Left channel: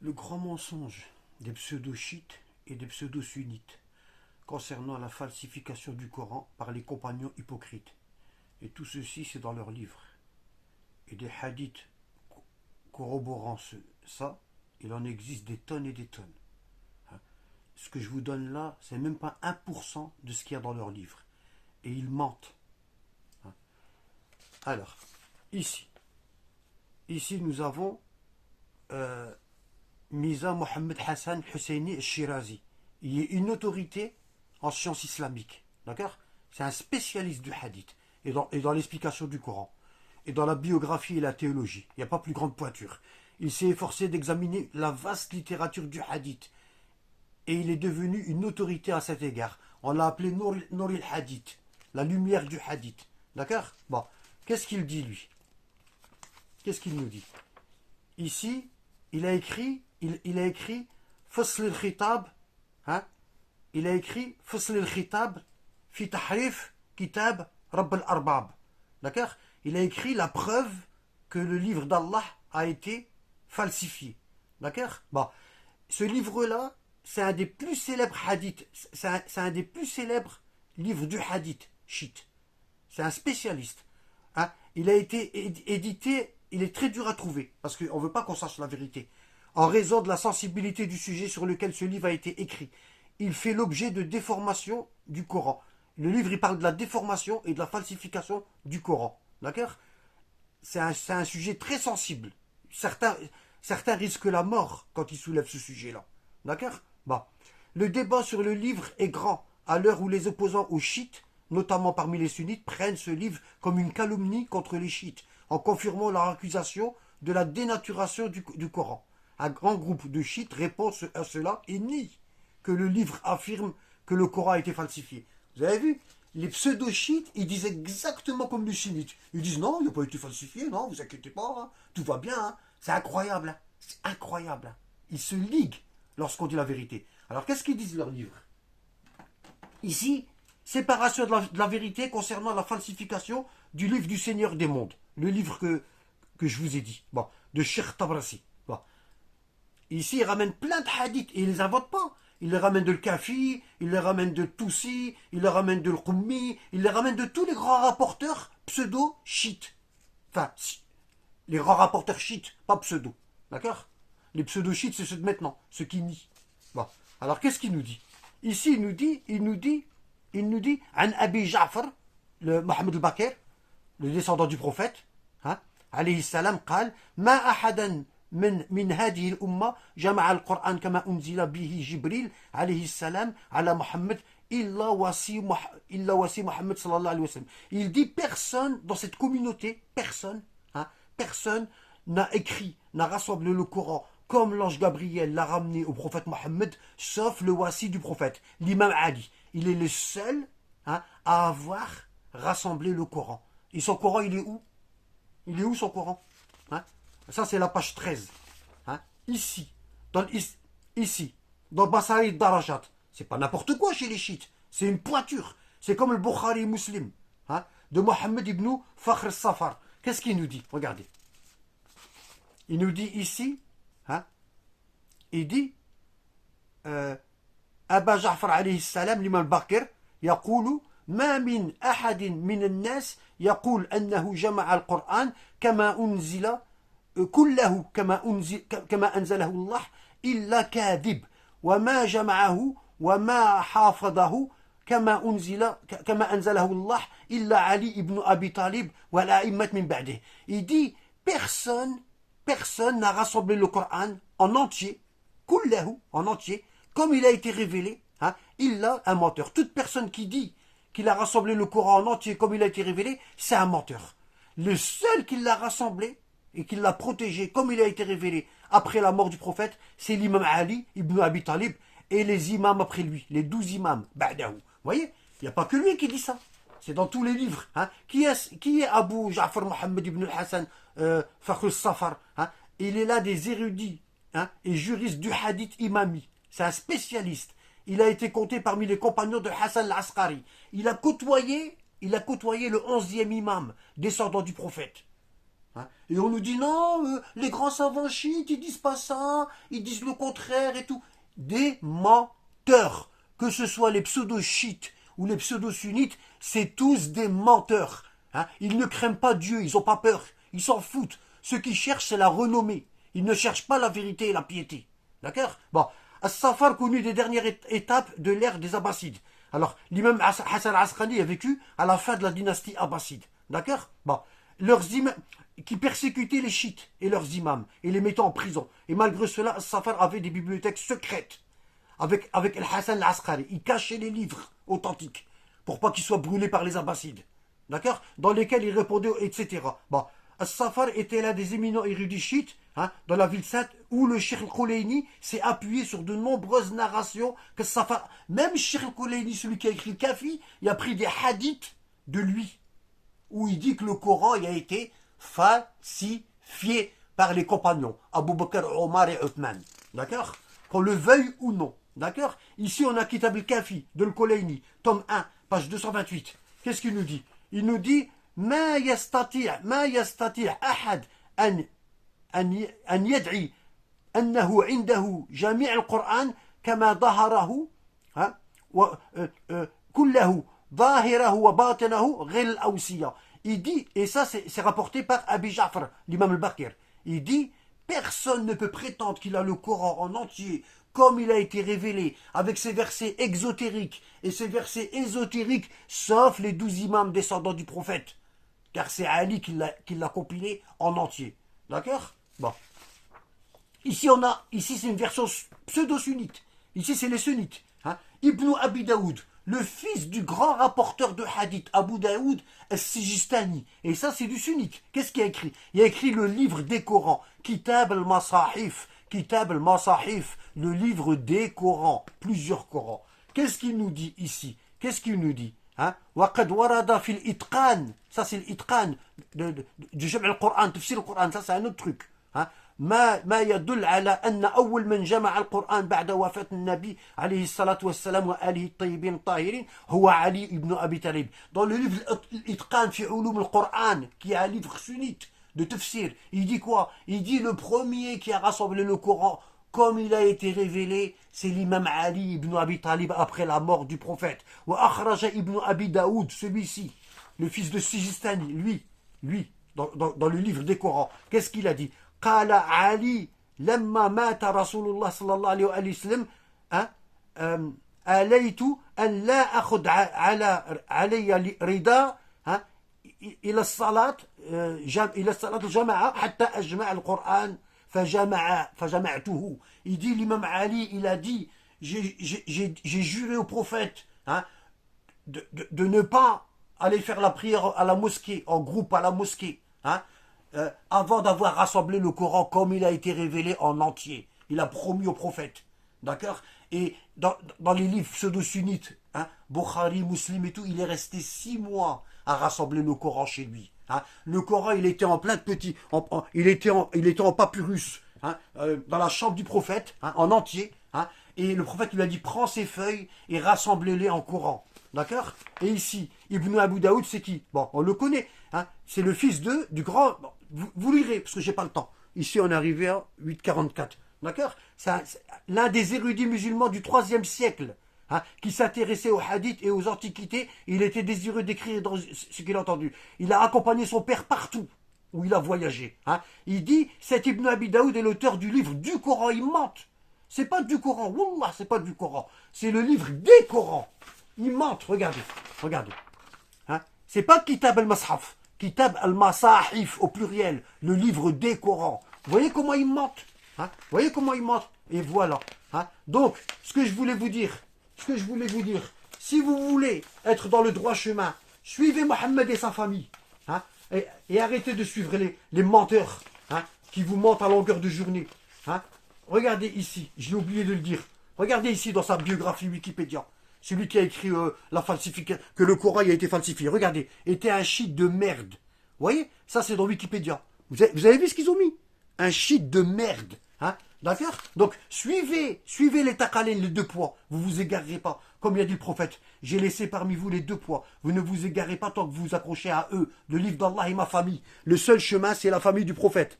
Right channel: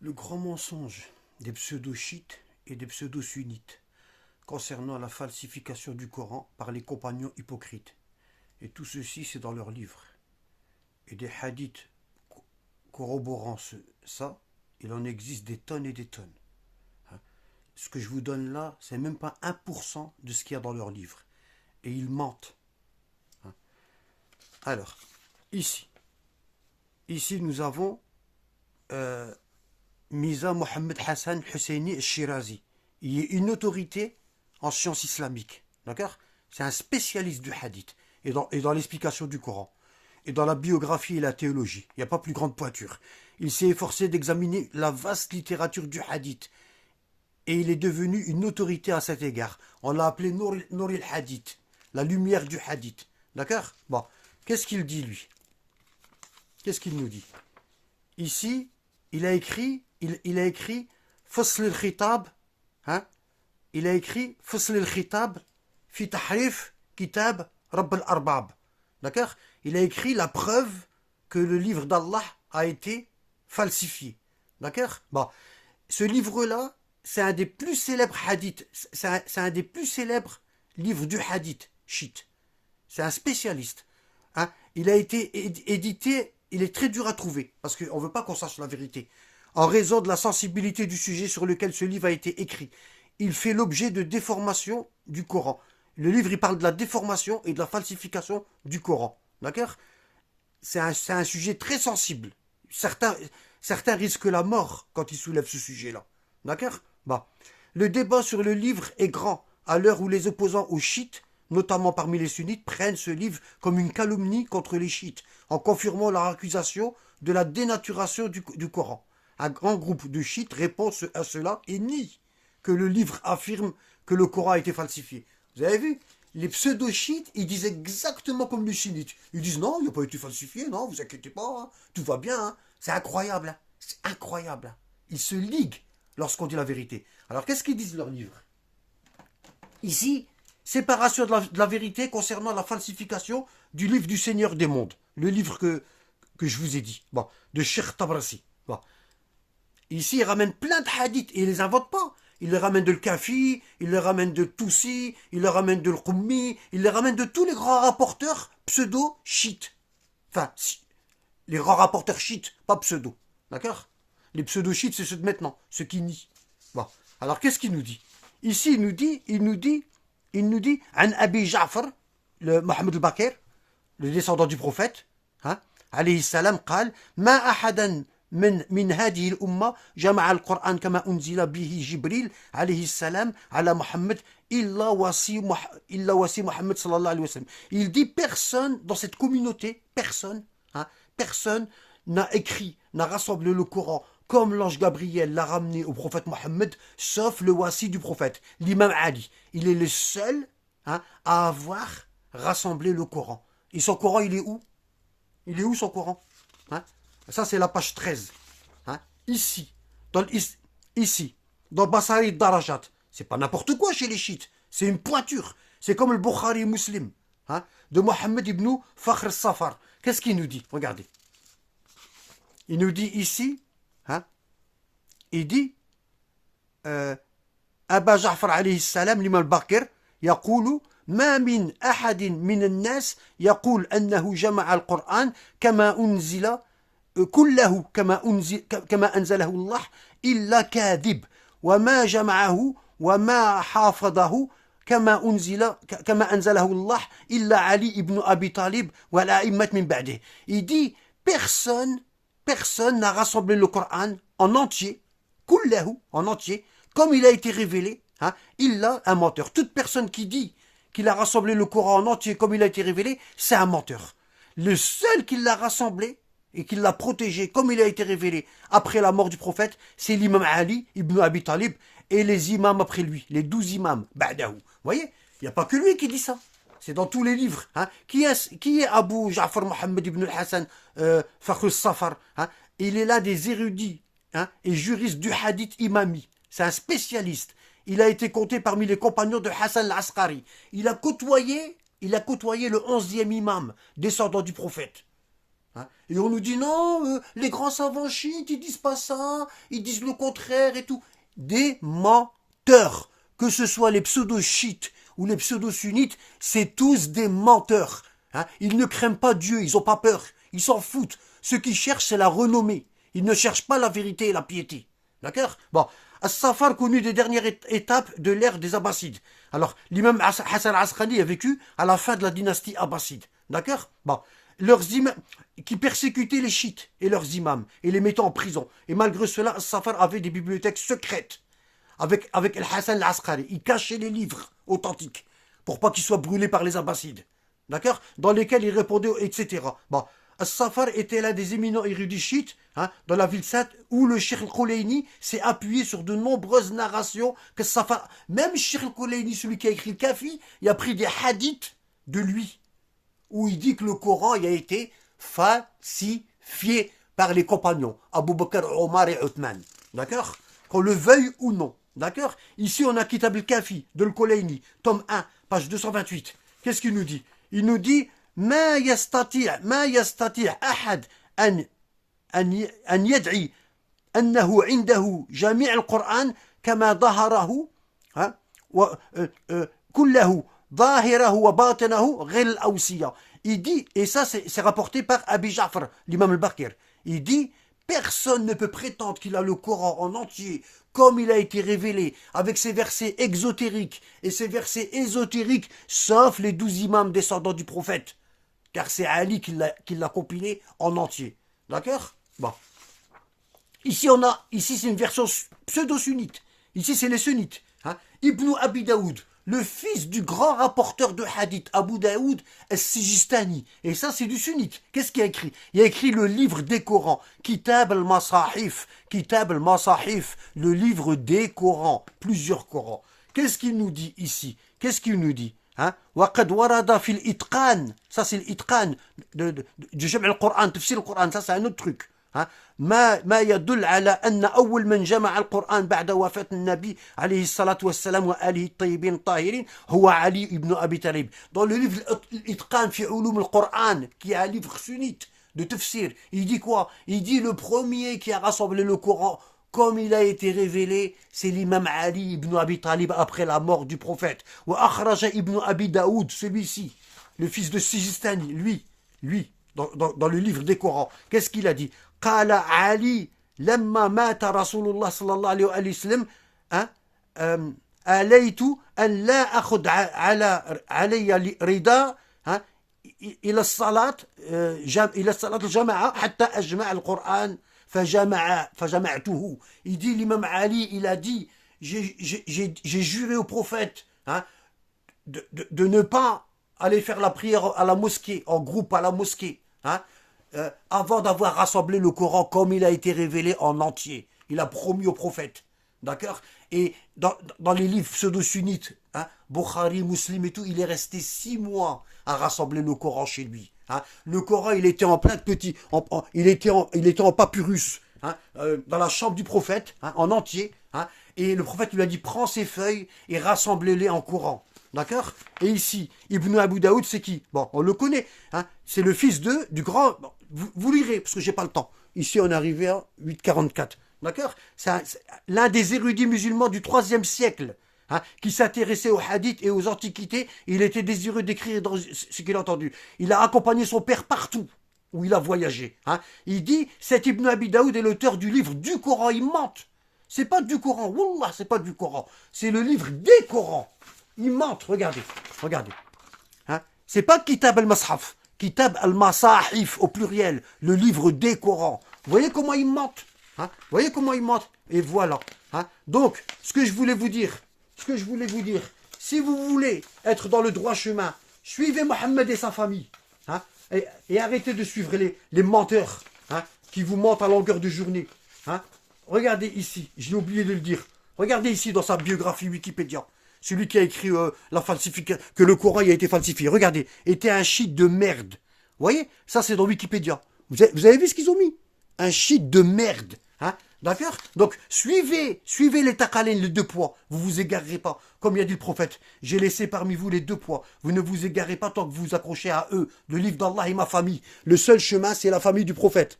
Le grand mensonge des pseudo-chiites et des pseudo-sunnites concernant la falsification du Coran par les compagnons hypocrites. Et tout ceci, c'est dans leurs livres. Et des hadiths corroborant ça, il en existe des tonnes et des tonnes. Ce que je vous donne là, c'est même pas 1% de ce qu'il y a dans leurs livres. Et ils mentent. Alors, ici nous avons Mirza Mohammed Hassan Husseini Shirazi. Il est une autorité en sciences islamiques. D'accord? C'est un spécialiste du hadith et dans l'explication du Coran. Et dans la biographie et la théologie. Il n'y a pas plus grande pointure. Il s'est efforcé d'examiner la vaste littérature du hadith. Et il est devenu une autorité à cet égard. On l'a appelé Nour al-Hadith, la lumière du hadith. D'accord? Bon, qu'est-ce qu'il dit lui? Qu'est-ce qu'il nous dit? Ici, il a écrit Fasl al-Khitab, hein? Il a écrit Fasl al-Khitab fi tahrif kitab Rabb al-Arbab. D'accord? Il a écrit la preuve que le livre d'Allah a été falsifié. D'accord? Bon, ce livre-là, c'est un des plus célèbres hadiths, c'est un des plus célèbres livres du hadith, chiite. C'est un spécialiste. Hein? Il a été édité, il est très dur à trouver, parce qu'on ne veut pas qu'on sache la vérité. En raison de la sensibilité du sujet sur lequel ce livre a été écrit, il fait l'objet de déformation du Coran. Le livre, il parle de la déformation et de la falsification du Coran. D'accord? C'est un sujet très sensible. Certains risquent la mort quand ils soulèvent ce sujet-là. D'accord? Bon. Le débat sur le livre est grand, à l'heure où les opposants aux chiites, notamment parmi les sunnites, prennent ce livre comme une calomnie contre les chiites, en confirmant leur accusation de la dénaturation du Coran. Un grand groupe de chiites répond à cela et nie que le livre affirme que le Coran a été falsifié. Vous avez vu? Les pseudo-chiites, ils disent exactement comme les sunnites. Ils disent non, il n'a pas été falsifié, non, vous inquiétez pas, hein, tout va bien. Hein. C'est incroyable, hein. C'est incroyable. Hein. Ils se liguent lorsqu'on dit la vérité. Alors qu'est-ce qu'ils disent leurs livres? Ici, séparation de la vérité concernant la falsification du livre du Seigneur des mondes. Le livre que je vous ai dit, bon, de Cheikh Tabrasi. Bon. Ici, ils ramènent plein de hadiths et ils ne les inventent pas. Ils les ramènent de Kafi, ils les ramènent de Toussi, ils les ramènent de Qummi, ils les ramènent de tous les grands rapporteurs pseudo-chiites. Enfin, les grands rapporteurs chiites, pas pseudo. D'accord? Les pseudo-chiites, c'est ceux de maintenant, ceux qui nient. Bon. Alors, qu'est-ce qu'il nous dit? Ici, il nous dit, An Abi Ja'far, le Mohammed al-Bakr, le descendant du prophète, hein, alayhi salam, قال ما أحدا من هذه الأمة جمع القرآن كما أنزل به جبريل عليه السلام على محمد إلا وصي محمد صلى الله عليه وسلم. Il dit personne dans cette communauté, personne, hein, personne n'a écrit, n'a rassemblé le Coran comme l'ange Gabriel l'a ramené au prophète Mohammed, sauf le wasi du prophète, l'imam Ali. Il est le seul, hein, à avoir rassemblé le Coran. Et son Coran, il est où? Il est où son Coran? Hein? Ça, c'est la page 13. Hein? Ici, dans Basari Darajat. C'est pas n'importe quoi chez les chiites. C'est une pointure. C'est comme le Bukhari Muslim, hein, de Mohammed ibn Fakhr al-Safar. Qu'est-ce qu'il nous dit? Regardez. Il nous dit ici, hein, il dit أبا جعفر عليه السلام لمن الباكر يقول ما من أحد من الناس يقول أنه جمع القرآن كما أنزل كله كما أنزله الله إلا كاذب وما جمعه وما حافظه كما أنزله الله إلا علي ibn Abi Talib والأئمة من بعده. Il dit personne n'a rassemblé le Coran en entier, kullahu, en entier, comme il a été révélé, hein, il a un menteur. Toute personne qui dit qu'il a rassemblé le Coran en entier comme il a été révélé, c'est un menteur. Le seul qui l'a rassemblé et qui l'a protégé comme il a été révélé après la mort du prophète, c'est l'imam Ali ibn Abi Talib et les imams après lui, les 12 imams, ba'dahu. Vous voyez, il n'y a pas que lui qui dit ça. C'est dans tous les livres. Hein. Qui est Abu Ja'far Mohammed ibn al-Hassan Fakhr al-Safar, hein. Il est l'un des érudits, hein, et juristes du hadith imami. C'est un spécialiste. Il a été compté parmi les compagnons de Hassan al-Askari. Il a côtoyé le 11e imam, descendant du prophète. Hein. Et on nous dit non, les grands savants chiites, ils disent pas ça, ils disent le contraire et tout. Des menteurs. Que ce soit les pseudo-chiites ou les pseudo-sunnites, c'est tous des menteurs. Hein. Ils ne craignent pas Dieu, ils n'ont pas peur, ils s'en foutent. Ce qu'ils cherchent, c'est la renommée. Ils ne cherchent pas la vérité et la piété. D'accord? Bon, As-Safar connu des dernières étapes de l'ère des Abbassides. Alors, l'imam Hassan al-Asqali a vécu à la fin de la dynastie Abbasside. D'accord? Bon, leurs imams qui persécutaient les chiites et leurs imams et les mettant en prison. Et malgré cela, As-Safar avait des bibliothèques secrètes avec Hassan al-Asqali. Il cachait les livres authentiques pour pas qu'ils soient brûlés par les Abbassides. D'accord? Dans lesquels il répondait, etc. Bon, As-Safar était l'un des éminents érudits chiites dans la ville sainte où le Cheikh al-Kulaini s'est appuyé sur de nombreuses narrations que As-Safar, même Cheikh al-Kulaini, celui qui a écrit le Kafi, il a pris des hadiths de lui où il dit que le Coran il a été falsifié par les compagnons Abu Bakr, Omar et Uthman. D'accord? Qu'on le veuille ou non. D'accord? Ici on a Kitab al-Kafi de al-Kulaini, tome 1, page 228. Qu'est-ce qu'il nous dit? Il nous dit ما يستطيع أحد أن يدعي أنه عنده جميع القرآن كما ظهره كله ظاهره وباطنه غير الأوصية. Il dit, et ça c'est rapporté par Abi Ja'far, l'imam al-Baqir, il dit personne ne peut prétendre qu'il a le Coran en entier comme il a été révélé, avec ses versets exotériques et ses versets ésotériques, sauf les 12 imams descendants du prophète. Car c'est Ali qui l'a compilé en entier. D'accord? Bon. Ici c'est une version pseudo-sunnite. Ici c'est les sunnites. Hein? Ibn Abi Daoud, le fils du grand rapporteur de hadith, Abu Daoud al-Sijistani. Et ça, c'est du sunnite. Qu'est-ce qu'il a écrit? Il a écrit le livre des Corans, Kitab al-Masahif. Kitab al-Masahif, le livre des Corans, plusieurs Corans. Qu'est-ce qu'il nous dit ici? Qu'est-ce qu'il nous dit? وقد ورد في الإتقان, ça c'est l'Itqan du جمع القرآن, تفسير القرآن, ça c'est un autre truc. ما يدل على أن أول من جمع القرآن بعد وفاة النبي عليه الصلاة والسلام وآله الطيبين الطاهرين هو علي ibn Abi Talib. Dans le livre الإتقان في علوم القرآن, qui est un livre sunnite de tafsir, il dit quoi? Il dit le premier qui a rassemblé le Coran comme il a été révélé, c'est l'imam Ali ibn Abi Talib après la mort du prophète. Wa akhraja ibn Abi Daoud, celui-ci, le fils de Sijistani, lui, dans le livre des Corans, qu'est-ce qu'il a dit? Qala Ali, lamma mata Rasulullah sallallahu alayhi wa sallam, alaytu an la akhud alayya rida, إلى الصلاة الجماعة حتى أجمع القرآن فجمعته. Il dit, l'imam Ali, il a dit, j'ai juré au prophète de ne pas aller faire la prière à la mosquée, en groupe à la mosquée, avant d'avoir rassemblé le Coran comme il a été révélé en entier. Il a promis au prophète. D'accord? Et dans les livres pseudo-sunnites, Bukhari, Muslim et tout, il est resté 6 mois à rassembler le Coran chez lui. Le Coran, il était en plein de petits, il était en papyrus, dans la chambre du prophète, en entier. Et le prophète lui a dit, prends ces feuilles et rassemble-les en Coran. D'accord? Et ici, Ibn Abu Daoud, c'est qui? Bon, on le connaît. C'est le fils du grand... Vous lirez, parce que j'ai pas le temps. Ici, on est arrivé à 844. D'accord? C'est l'un des érudits musulmans du 3e siècle, qui s'intéressait aux hadiths et aux antiquités. Il était désireux d'écrire dans ce qu'il a entendu. Il a accompagné son père partout où il a voyagé. Il dit, cet Ibn Abi Daoud est l'auteur du livre du Coran. Il mente. C'est pas du Coran. Wallah, c'est pas du Coran. C'est le livre des Corans. Il ment. Regardez. C'est pas Kitab al-Mashaf. Kitab al-Masahif au pluriel. Le livre des Corans. Vous voyez comment il ment? Vous voyez comment il ment? Et voilà. Donc, ce que je voulais vous dire, si vous voulez être dans le droit chemin, suivez Mohammed et sa famille. Et arrêtez de suivre les menteurs qui vous mentent à longueur de journée. Regardez ici, j'ai oublié de le dire. Regardez ici dans sa biographie Wikipédia. Celui qui a écrit la falsification, que le Coran a été falsifié. Regardez, était un chiite de merde. Vous voyez? Ça, c'est dans Wikipédia. Vous avez vu ce qu'ils ont mis? Un chiite de merde. D'accord? Donc, suivez les taqalin, les deux poids. Vous vous égarerez pas. Comme il a dit le prophète, j'ai laissé parmi vous les deux poids. Vous ne vous égarez pas tant que vous vous accrochez à eux. Le livre d'Allah et ma famille. Le seul chemin, c'est la famille du prophète.